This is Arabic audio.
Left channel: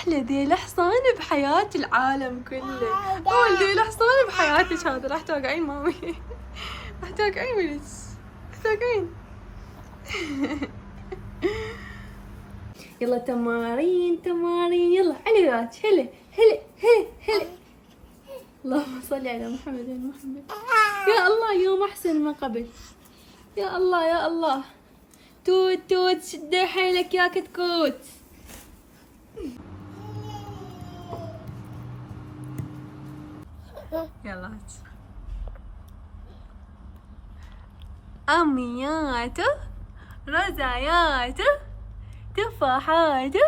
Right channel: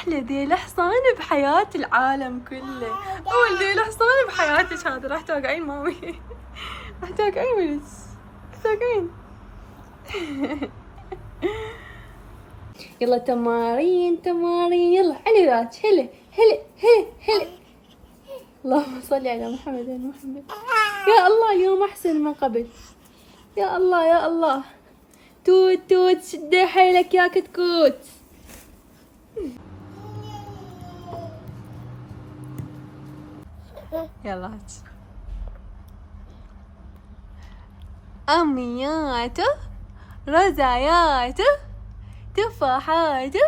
أحلى ذيل حصان بحياة العالم كله. أول ذيل حصان بحياتك هذا. راح توقعين مامي. راح توقعين ولك. راح توقعين. يلا تمارين تمارين. يلا على ذاك. هلا هلا هلا هلا. اللهم صل على محمد يا محمد. يا الله يوم أحسن من قبل. يا الله يا الله. توت توت شد حيلك يا كتكوت. يلا أمنياته رزاياته تفاحاته.